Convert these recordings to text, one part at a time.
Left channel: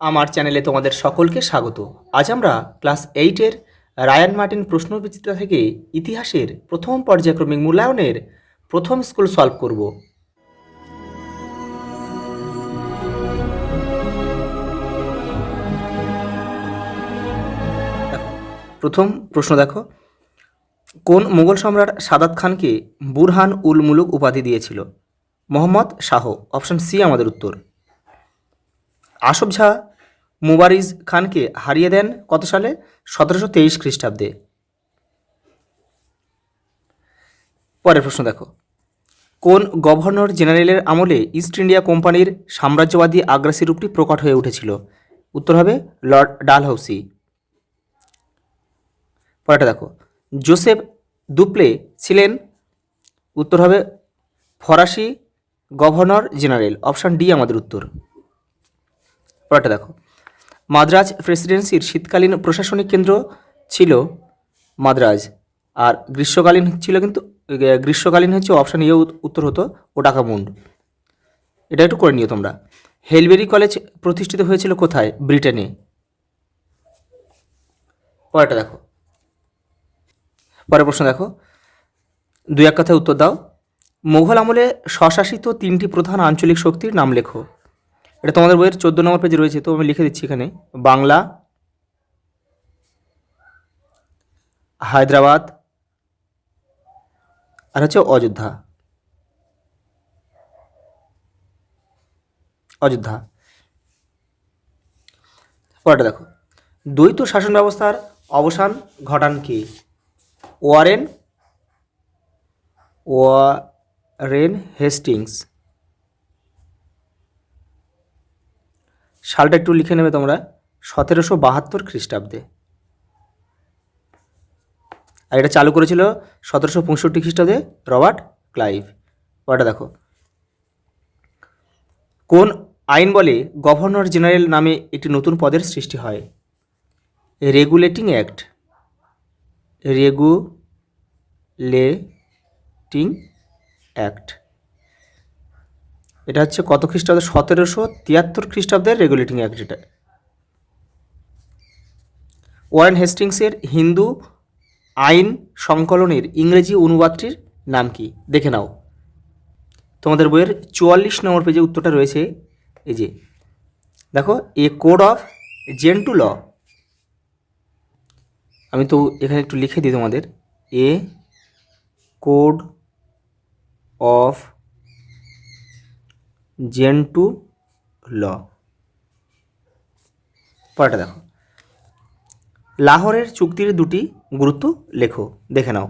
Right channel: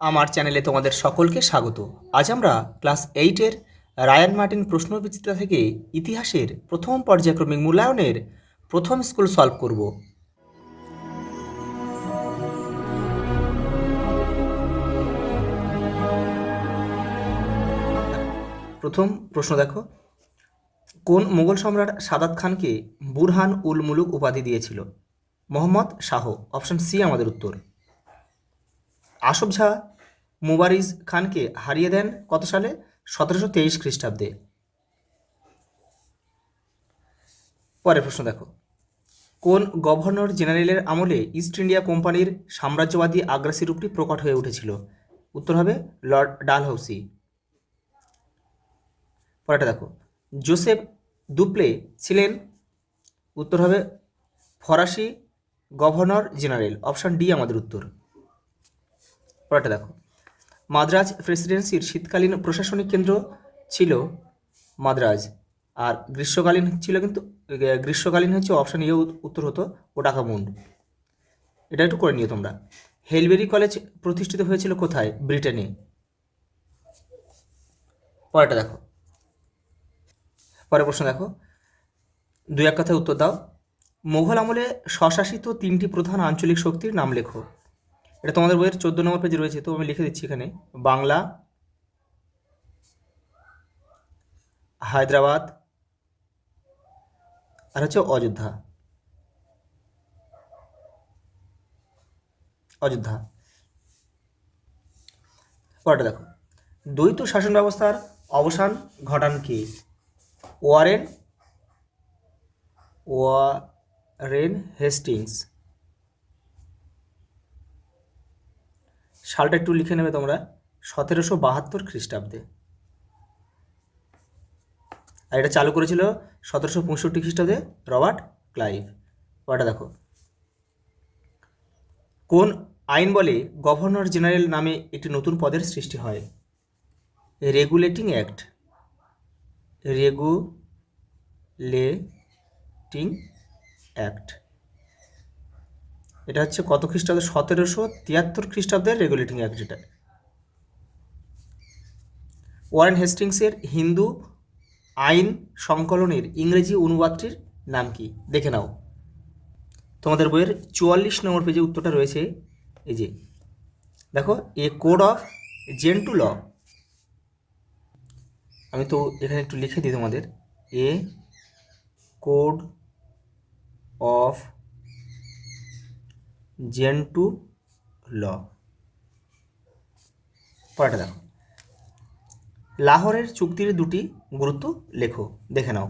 আমার চ্যানেলে তোমাদের সকলকে স্বাগত। আজ আমরা ক্লাস 8-এর রায়ান মার্টিন প্রশ্নবিচিত্রা থেকে ইতিহাসের প্রথম পর্যায়ক্রমিক মূল্যায়নের প্রথম স্কুল সলভ করব। প্রথম প্রশ্ন দেখো, কোন মুঘল সম্রাট সাদাত খানকে বুরহান উল মুলুক উপাধি দিয়েছিল? মোহাম্মদ শাহ। অপশন সি আমাদের উত্তর। আসফ জাহ মুবারিজ খানকে হারিয়ে দেন কত সালে? 1723 খ্রিস্টাব্দে। পরের প্রশ্ন দেখো, কোন গভর্নর জেনারেলের আমলে ইস্ট ইন্ডিয়া কোম্পানির সাম্রাজ্যবাদী আগ্রাসী রূপটি প্রকট হয়ে উঠেছিল? উত্তর হবে লর্ড ডালহৌসি। পরেরটা দেখো, জোসেফ দুপ্লে ছিলেন? উত্তর হবে ফরাসি গভর্নর জেনারেল। অপশান ডি আমাদের উত্তর। পরেরটা দেখো, মাদ্রাজ প্রেসিডেন্সির শীতকালীন প্রশাসনিক কেন্দ্র ছিল মাদ্রাজ, আর গ্রীষ্মকালীন হচ্ছে অপশান ইয়ে উত্তর হতো ওটাকামুন্ড। এটা একটু করে নিও তোমরা। হেলবেরি কলেজ প্রতিষ্ঠিত হয়েছিল কোথায়? ব্রিটেনে। পরেরটা দেখো, পরের প্রশ্ন দেখো, দুই এক কথায় উত্তর দাও। মুঘল আমলে স্বশাসিত 3টি প্রধান আঞ্চলিক শক্তির নাম লেখো। এটা তোমাদের বইয়ের 14 নম্বর পেজে রয়েছে, তো আমি লিখে দিচ্ছি এখানে। বাংলা, হায়দ্রাবাদ, আর হচ্ছে অযোধ্যা। পরেরটা দেখো, দ্বৈত শাসন ব্যবস্থার অবসান ঘটান কে? Warren Hastings. সালটা একটু লিখে নেবে তোমরা, 1772 খ্রিস্টাব্দে। আর এটা চালু করেছিল 1765 খ্রিস্টাব্দে রবার্ট ক্লাইভ। পরেরটা দেখো, কোন আইন বলে গভর্নর জেনারেল নামে একটি নতুন পদের সৃষ্টি হয়? Regulating act. এটা হচ্ছে কত খ্রিস্টাব্দে? 1773 খ্রিস্টাব্দের রেগুলেটিং অ্যাক্ট এটা। ওয়ারেন হেস্টিংসের হিন্দু আইন সংকলনের ইংরেজি অনুবাদটির নাম কি? দেখে নাও, তোমাদের বইয়ের 44 নম্বর পেজে উত্তরটা রয়েছে। এই যে দেখো, এ কোড অফ জেন্টু ল। আমি তো এখানে একটু লিখে দিই তোমাদের, এ কোড অফ জেন্টু ল। পরেরটা দেখো, লাহোরের চুক্তির দুটি গুরুত্ব লেখো। দেখে নাও।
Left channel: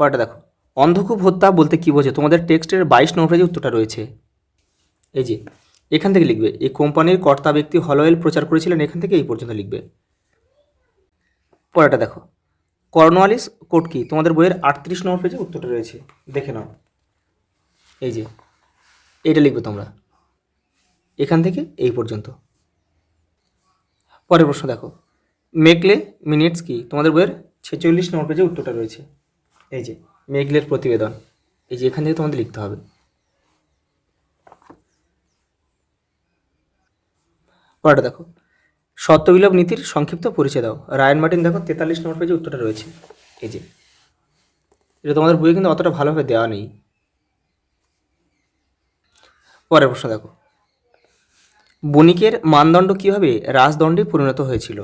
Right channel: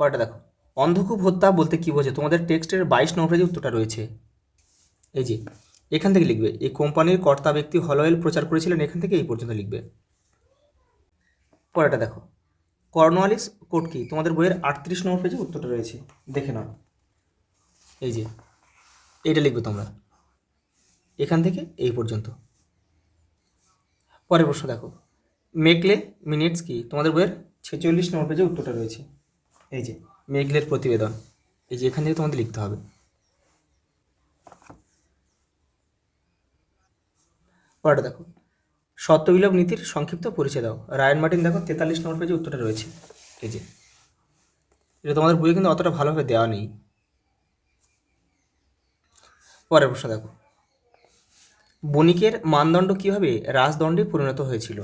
পরেরটা দেখো, অন্ধকূপ হত্যা বলতে কী বোঝে? তোমাদের টেক্সটের 22 নম্বর পেজে উত্তরটা রয়েছে। এই যে এখান থেকে লিখবে, এই কোম্পানির কর্তা ব্যক্তি হলওয়েল প্রচার করেছিলেন, এখান থেকে এই পর্যন্ত লিখবে। পরেরটা দেখো, কর্নওয়ালিস কোড কি? তোমাদের বইয়ের 38 নম্বর পেজে উত্তরটা রয়েছে, দেখে নাও। এই যে এইটা লিখবে তোমরা, এখান থেকে এই পর্যন্ত। পরের প্রশ্ন দেখো, মেকলে মিনিটস কি? তোমাদের বইয়ের 46 নম্বর পেজে উত্তরটা রয়েছে। এই যে মেকলের প্রতিবেদন, এই যে এখান থেকে তোমাদের লিখতে হবে। পরেরটা দেখো, সত্যবিলোপ নীতির সংক্ষিপ্ত পরিচয় দাও। রায়ান মার্টিন দেখো 43 নম্বর পেজে উত্তরটা রয়েছে। এই যে এটা তোমাদের বইয়ে কিন্তু অতটা ভালোভাবে দেওয়া নেই। পরের প্রশ্ন দেখো, বণিকের মানদণ্ড কীভাবে রাজদণ্ডে পরিণত হয়েছিল?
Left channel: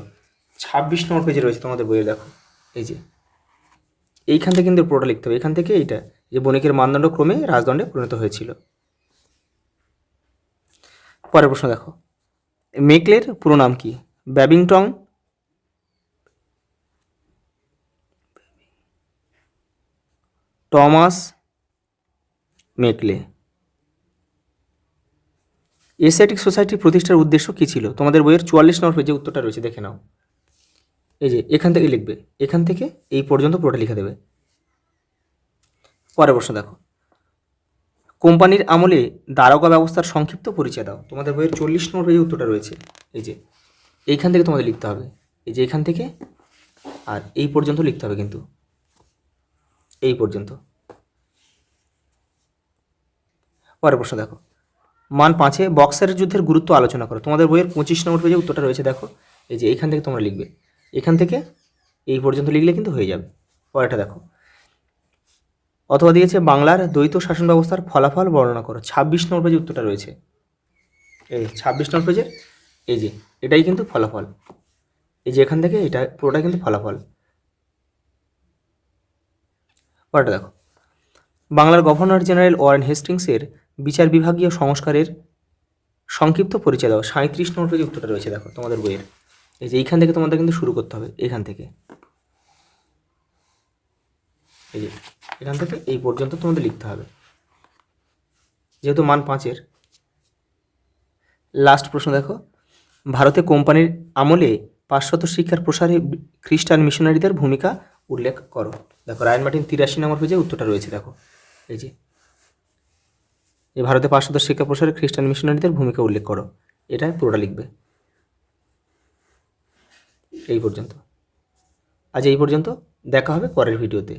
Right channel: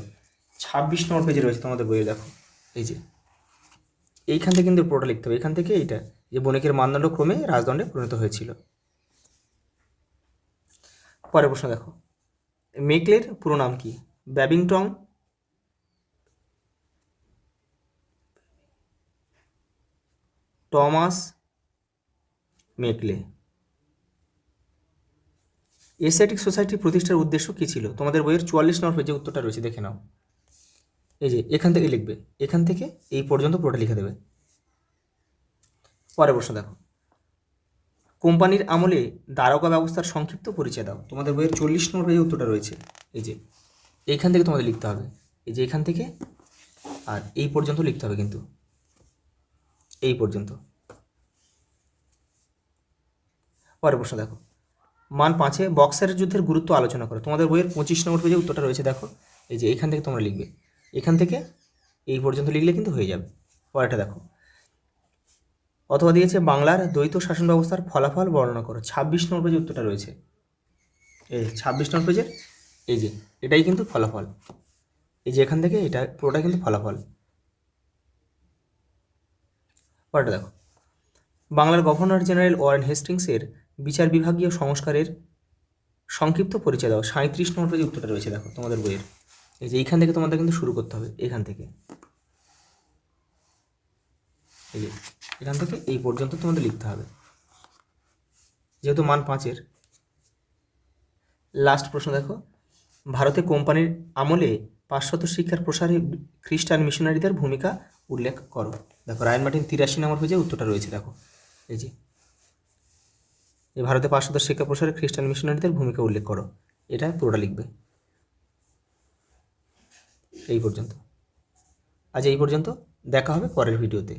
26 নম্বর পেজে রয়েছে তোমাদের বইয়ে, দেখো। এই যে এইখান থেকে কিন্তু পুরোটা লিখতে হবে, এখান থেকে এইটা, যে বণিকের মানদণ্ড ক্রমে রাজদণ্ডে পরিণত হয়েছিল। পরের প্রশ্ন দেখো, মেকলের পুরো নাম কি? Babington Thomas Macaulay. Asiatic society প্রতিষ্ঠার উদ্দেশ্য কী ছিল? তোমাদের বইয়ের 44 নম্বর পেজে উত্তরটা রয়েছে, দেখে নাও। এই যে এখান থেকে লিখবে, এখান থেকে এই পর্যন্ত পুরোটা লিখে দেবে। পরের প্রশ্ন দেখো, কোম্পানির আমলে দারোগা ব্যবস্থার সংক্ষিপ্ত পরিচয় দাও। তোমাদের বইয়ের 40 নম্বর পেজে উত্তরটা রয়েছে। এই যে এইখান থেকে তোমাদের লিখতে হবে, এই যে এখান থেকে আর এই পর্যন্ত লিখতে হবে, কিন্তু এই পর্যন্ত। পরের প্রশ্ন দেখো, মান 5-এ বক্সারের যুদ্ধের গুরুত্ব আলোচনা করো। তোমাদের বইয়ের 25 নম্বর পেজে উত্তরটা রয়েছে, দেখো এই যে এইখান থেকে তোমরা লিখবে, এখান থেকে এই পর্যন্ত লিখলে কিন্তু হয়ে যাবে। পরেরটা দেখো, অথবা দিয়েছে বাংলার দ্বৈত শাসন ব্যবস্থার ফলাফল বর্ণনা করো। 26 নম্বর পেজে উত্তরটা রয়েছে, এই 26 নম্বর পেজের এই যে এটাই কিন্তু ফলাফল, এই যে এখান থেকে এটা পুরোটা কিন্তু ফলাফল। পরেরটা দেখো, বাংলার গভর্নর জেনারেল ওয়ারেন হেস্টিংসের বিচার বিভাগীয় সংস্কারের সংক্ষিপ্ত পরিচয় দাও। 37 নম্বর পেজে উত্তরটা রয়েছে, দেখো তোমাদের বইয়ের এই যে এইখান থেকে তোমাদের কিন্তু শুরু করতে হবে, এখান থেকে এই যে এখান থেকে এই পর্যন্ত তোমাদের লিখতে হবে, যেহেতু মান 5-এর। লাস্ট প্রশ্ন দেখো, ভারতে কোম্পানির আমলে পাশ্চাত্য শিক্ষার প্রসারে খ্রিস্টান মিশনারিদের ভূমিকা উল্লেখ করো। দেখো রায়ন মার্টিন 83 নম্বর পেজে উত্তরটা রয়েছে, দেখো এই যে এই ভারতে পাশ্চাত্য শিক্ষা প্রসারে খ্রিস্টান মিশনারিদের ভূমিকা উল্লেখ করো, এটা পুরোটা লিখবে। এই পর্যন্ত, আজ এই পর্যন্ত, দেখা হবে পরের ভিডিওতে।